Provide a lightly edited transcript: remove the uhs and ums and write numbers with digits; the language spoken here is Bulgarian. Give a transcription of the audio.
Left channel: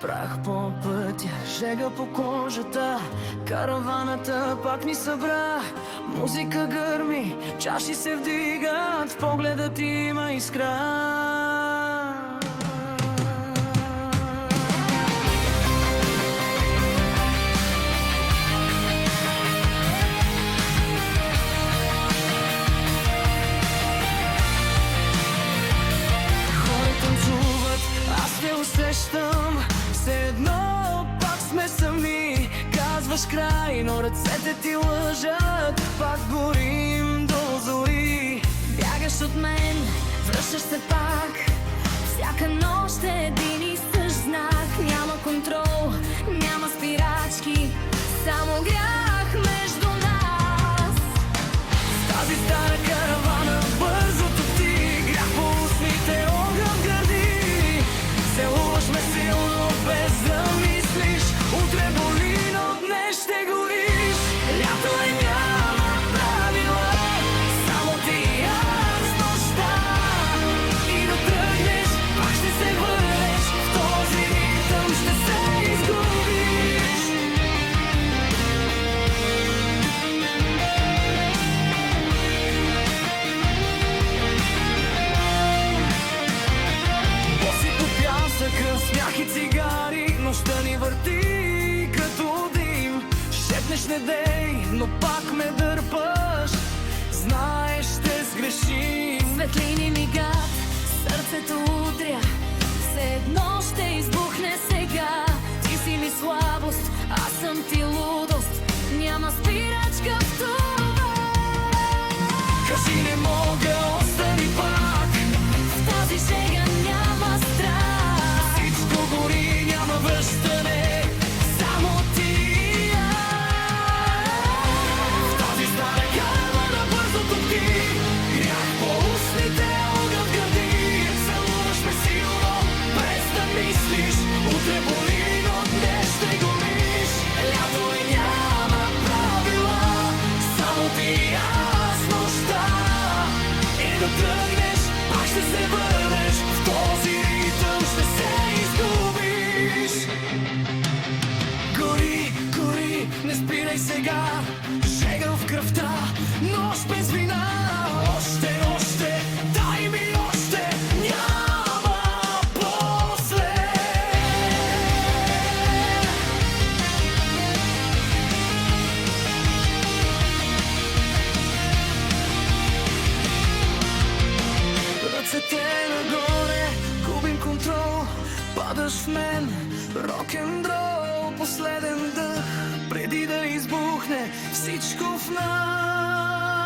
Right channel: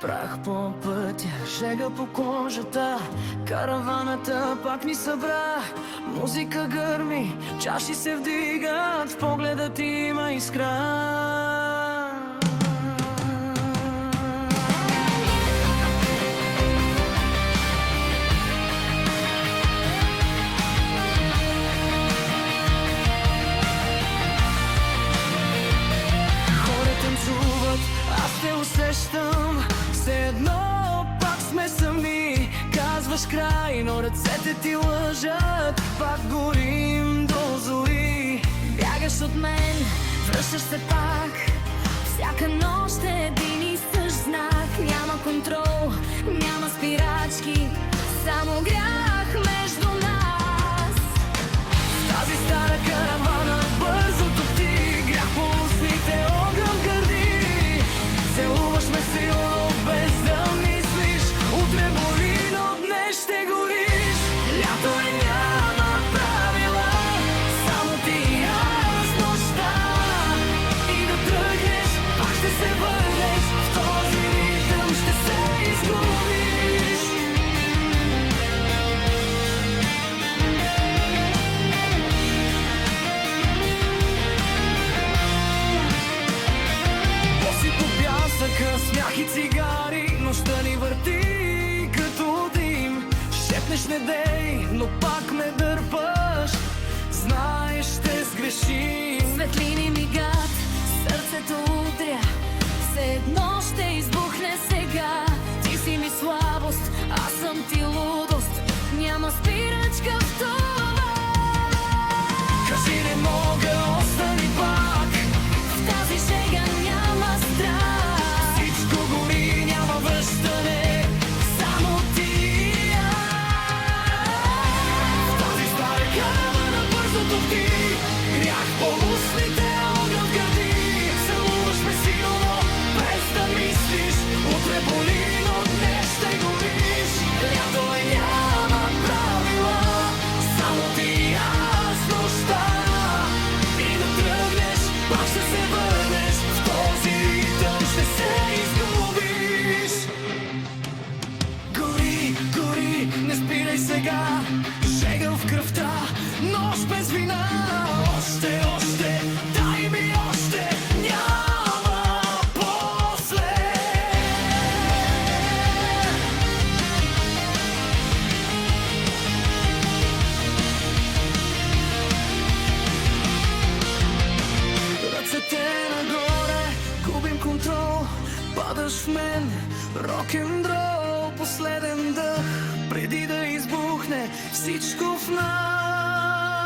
Прах по пътя, жега по кожата, караваната пак ни събра. Музика гърми, чаши се вдигат, в погледа ти има искра. Танцуват, аз те усещам, все едно пак сме сами. Казваш край, но ръцете ти лъжат, пак горим до зори. Бягаш от мен, връщаш се пак, всяка нощ е един и същ знак. Няма контрол, няма спирачки, само грях между нас. Тази стара каравана бързо топти, грях по устните, огън гърди. Целуваш ме силно, без да мислиш, утре боли, но днес ще гориш. Лято е, няма правила, само ти и аз нощта. И да тръгнеш, пак ще се върнеш, в този ритъм ще се изгубиш. Боси по пясъка, смях и цигари, нощта ни върти като дим. Шепнеш не дей, но пак ме дърпаш, знаеш ще сгрешим. Светлини мигат, сърцето удря, все едно ще избухне сега. Ти си ми слабост, аз съм ти лудост, няма спирачка в това. Кажи не мога, остани пак, В тази шега няма страх, всичко гори, няма връщане, само ти и аз. В тази стара каравана бързо топти, грях по устните, огън гърди. Целуваш ме силно, без да мислиш, утре боли, но днес ще гориш. Лято е, няма правила, само ти и аз нощта. И да тръгнеш, пак ще се върнеш, в този ритъм ще се изгубиш. Гори, гори, не спирай сега, жега в кръвта, нощ без вина. Още, още, дай ми още, няма после. Ръцете нагоре, губим контрол, падаш в мен, рок-н-рол. Последен дъх, преди да избухне всичко в нас.